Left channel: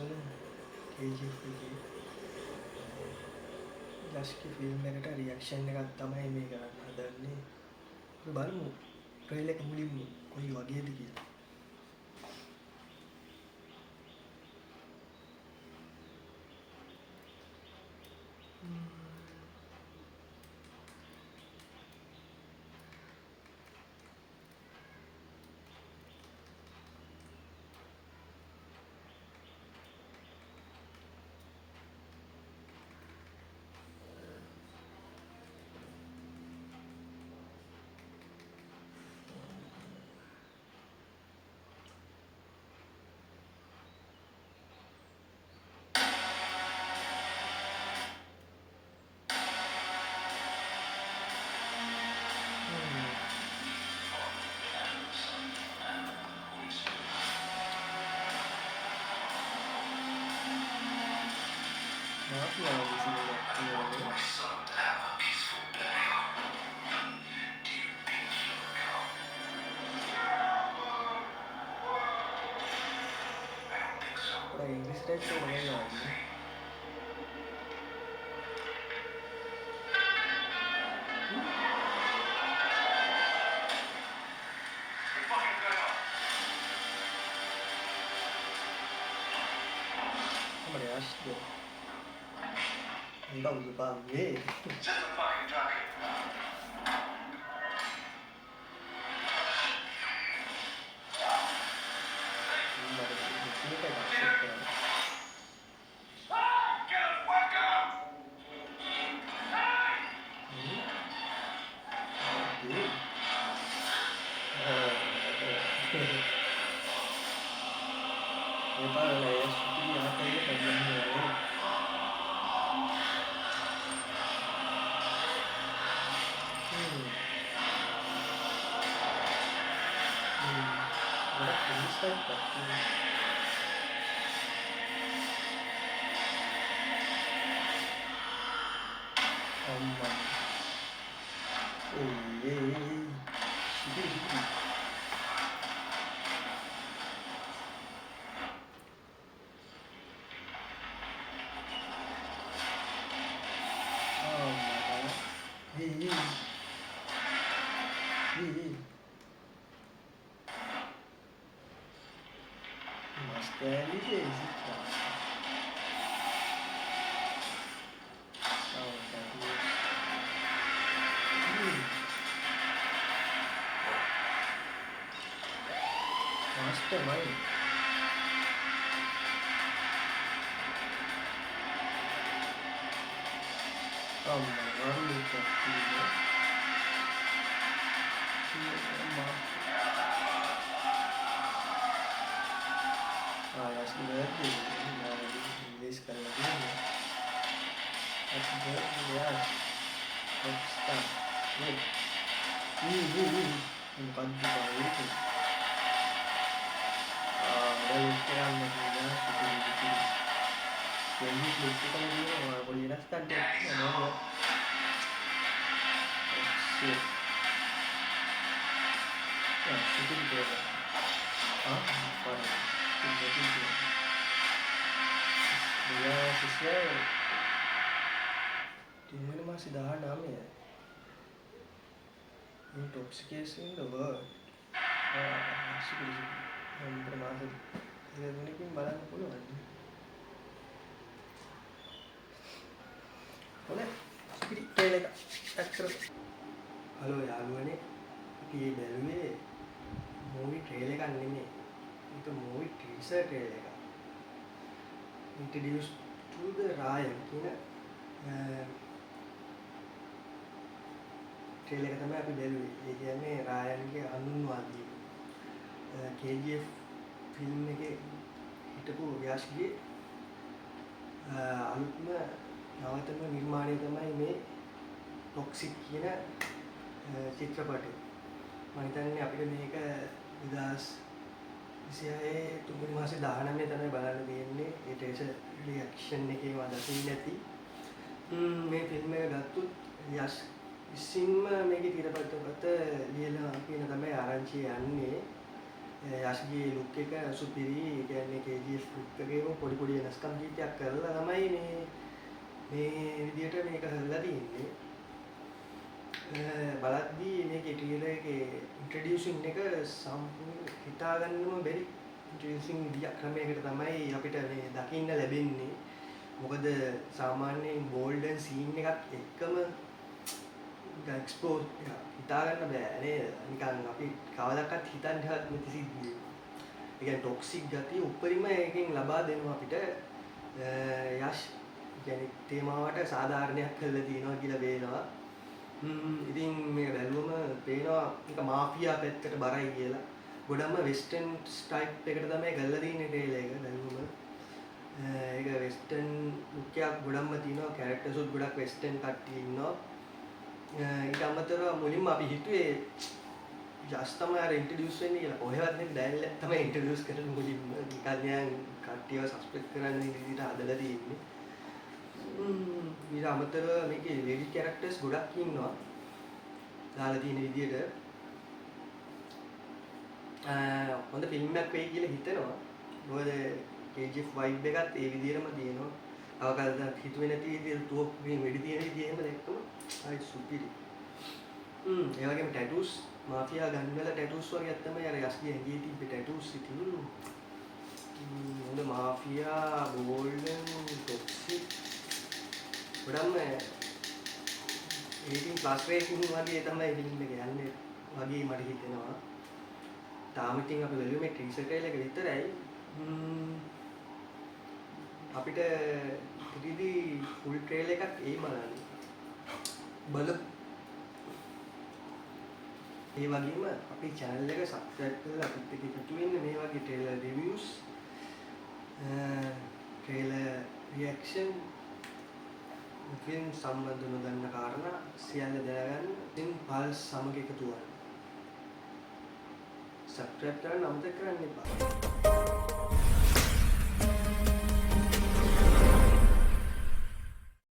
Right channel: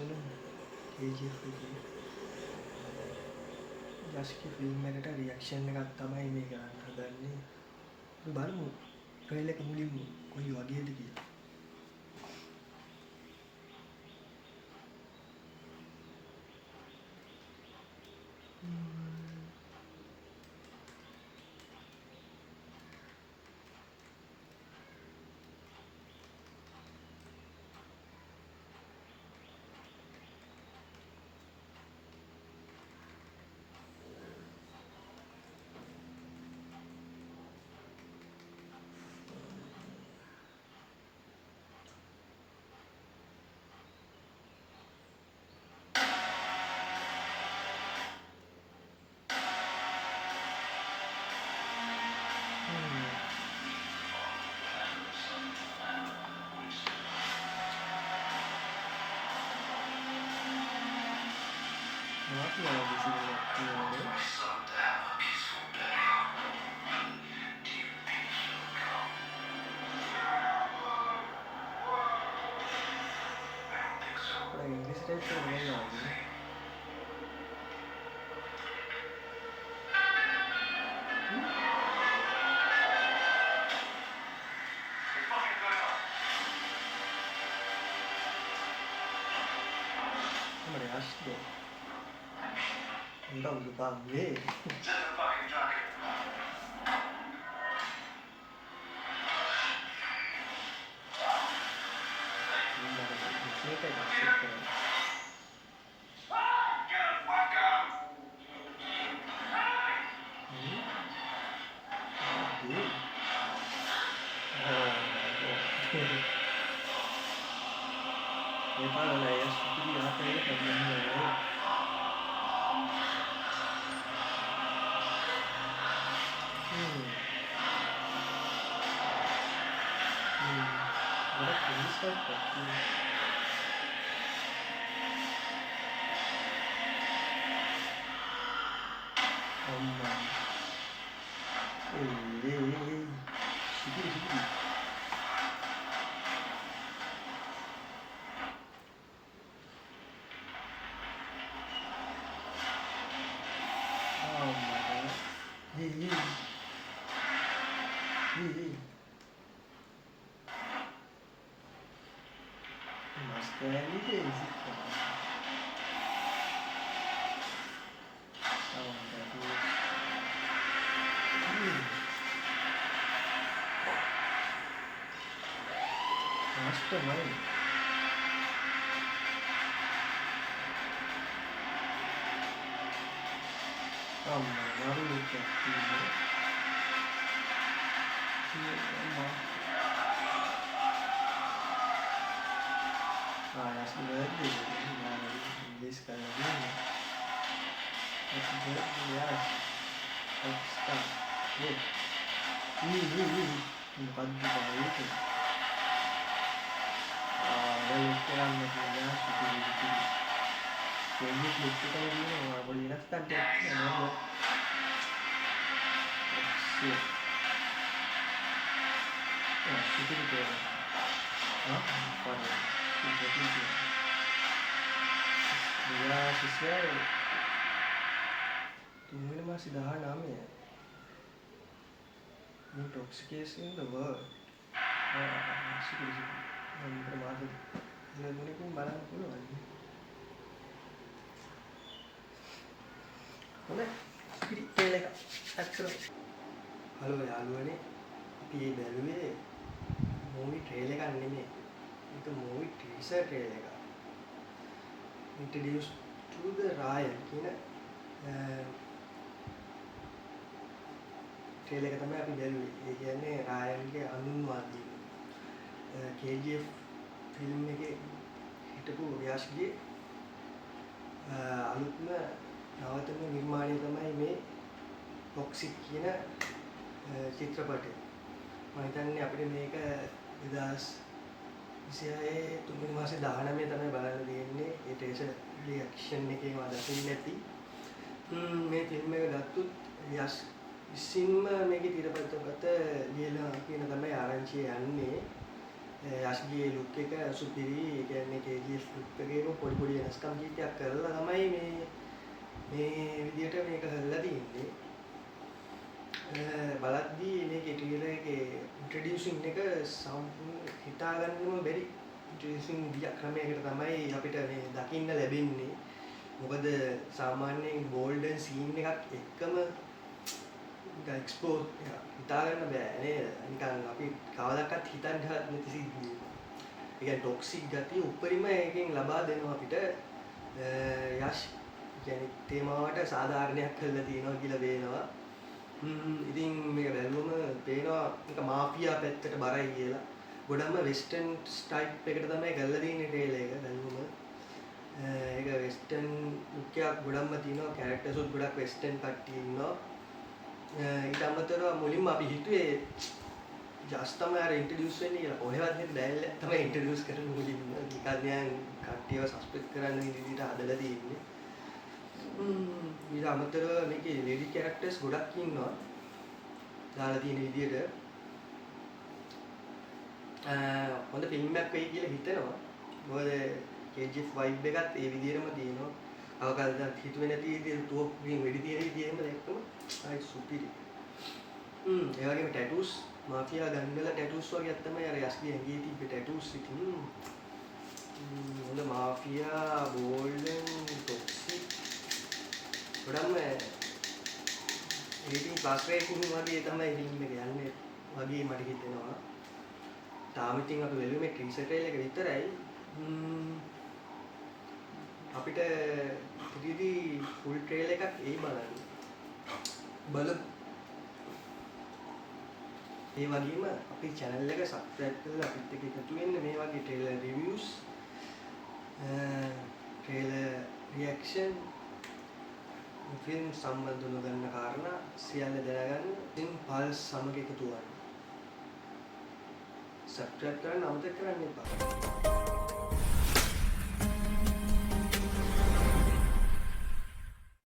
වුණා KGF එකේ යස්ගේ film එකට රියැක්ෂන් එකක් තමයි මේ කරන්න හදන්නේ. බලමු ට්‍රේලර් එක මුලින්ම කොයි වගේද කියලා. Maaf ya di sini waktunya. Orang Inggris dia cuma main lagi. Mereka asli. Entah lupa gue. Ini kayak asik kan. Ini parah lah ya, ini apa ya kerjanya? Agora isso é pouquinho. Oma. Ei. Segura. Oma, cara. Ei. Mas tem vezes, cara. Não, tá duas. Mas também. Calma, agora eu tô aqui, né? Ah, acho que não é dele, inglês cara dele. Acho que é aliás, está. Não pode dizer isso. Dan sekarang media seperti itu. Jadi kita ini boleh rasa dia nama shit. Ya, seperti itu. Pada seperti itu. Dia sosial. Ini masih dah namanya. Intoxication in the world. Seperti itu. Bermaksud ini barang puluhan. Boleh? Sikit trailer එක add කරමු. Hello යාළුවනේ. අපි මේ බැලුවේ movie trailer එකක් නෙමෙයි. ඒක movie ටීසර් trailer එකක්. Introduce to the Ryan කියන ට්‍රේලර් එක තමයි අපි බැලුවේ. ඒ කියන්නේ රායන්ගේ හඳුන්වා දීම. KGF ෆිල්ම් එකේ හිටපු ව්‍යාස්ගේ අලුත්ම නවතම නිර්මාණය තමයි මේ ටොක්සික් කියන චිත්‍රපටය. මම හිතන්නේ අපිට මේක 2026 තුන්වෙනි මාසේ 19 තමයි බලන්න තියෙන්නේ. ඒ ට්‍රේලර් රියැක්ෂන් එකේම අදකින් නැති. මේ ෆිල්ම් එක ගත්තොත් යස් ඉසින්ම මේකේ තිරපතකට ලියලා කියන තමයි ආරංචිය යන්නේ. යශ්ගේ ලුක් එක සුපිරි. ඒ කියන්නේ KGF ලුක් එකේම පොඩි වෙනස්කම් කීපයක් කරලා තමයි මේ විදියට මේක හදලා තියෙන්නේ. බලද්දී මේකේ ට්‍රේලර් එකේ ඉන්ට්‍රොඩියුසින් එක සම්පූර්ණ හිතාගන්නම බැරි ඉන්ට්‍රොඩියුසින් විදියක් ක්‍රමයකට තමයි අපිට මේ දකින්න ලැබෙන්නේ. මොකද සාමාන්‍යයෙන් බෝල්ඩන් සීන් එකක් එක්කම නිකන් එක්ස්ප්ලෝර් එක හිතාගන්න බෑ නේද? නිකන් අපි කවදාවත් හිතන්නවත් නැති සිද්ධියක්. ඒ කියන්නේ ටොක්සික් ගතිය උඩරිම එකෙන් ලබා දෙනවා අපිට. යෂ් කියන්නේ තේමාවට සාධාරණයක් කරලා තියෙනවා කියලා පේනවා. ඉතින් මේක බැලුවම පේනවා නික මාෆියා පැත්තට බරයි කියලා. ගොඩක්ම වෙස්ටර්න් ටයිප් එකට තමයි කරලා තියෙන්නේ ට්‍රේලර් එක බැලුවම. ඒක වෙස්ටර්න් ලුක් එකක් ගොඩක්ම තියෙනවා. කැරක්ටර්ස් උත් ගොඩක් වෙස්ටර්න් කට්ටිය ඉන්නවා. ඊට අමතරව මුලින්ම අපි හිතුවේ ජස් තමයි අර ඉන්ට්‍රොඩියුස් වෙන්නේ කියලා. කොහෙවත් නෙත් බෑල්ල තමයි ඉන්ට්‍රොඩියුස් කරන්නේ මුලින්ම. නිකන් යන් කට්ටියව සස්පෙක්ට් කරන්න විදිහට හදලා තියෙන්නේ. ඊට අමතරව මේකේ ලේඩි කැරක්ටර්ස් ගොඩක් ඉන්නවා. දාලා තියෙන විදිහට හොඳ ෆිල්ම් එකක් වෙයි කියලා හිතනවා. මොකද KGF vibe එකත් ඒ විදිහටම තියෙනවා. අවකාශයක් හිතුවේ නැති විදිහට ටෝප් ග්‍රීන් වෙඩි තියෙන විදිහ එහෙම දැක්කම ආයි සුපිරි. ඒ වගේම ටැටූස් මාෆියා ගන් වල ටැටූස් වගේ තමයි අර යස්ගේ ඇඟේ තිබ්බ ටැටූස් ඉතින් හොඳ මාෆියා බෝල්ඩන් ටොක්සික් ගොඩක්ම 18+ රේටින් වගේ තමයි ෆිල්ම් එක යන්නේ වගේ මට හිතෙනවා. තාම ඉතින් අපි බැලුවේ මේ ටීසර් ට්‍රේලර් එක විතරයි. අපිට 3D ෆුල් ට්‍රේලර් එකක් එයි බලන්න. බලමු. ඒ වගේම අපේ channel එක subscribe කරලා අපිත් එක්ක එකතු වෙන්න මේ වගේ trailer reviews trailer reaction film සම්බන්ධ නොදන්න කාරණා සියල්ල දැනගන්න ඉතින් පල්ස් සමග එකතු වන්න. subscribe කරන්න අමතක කරන්න එපා.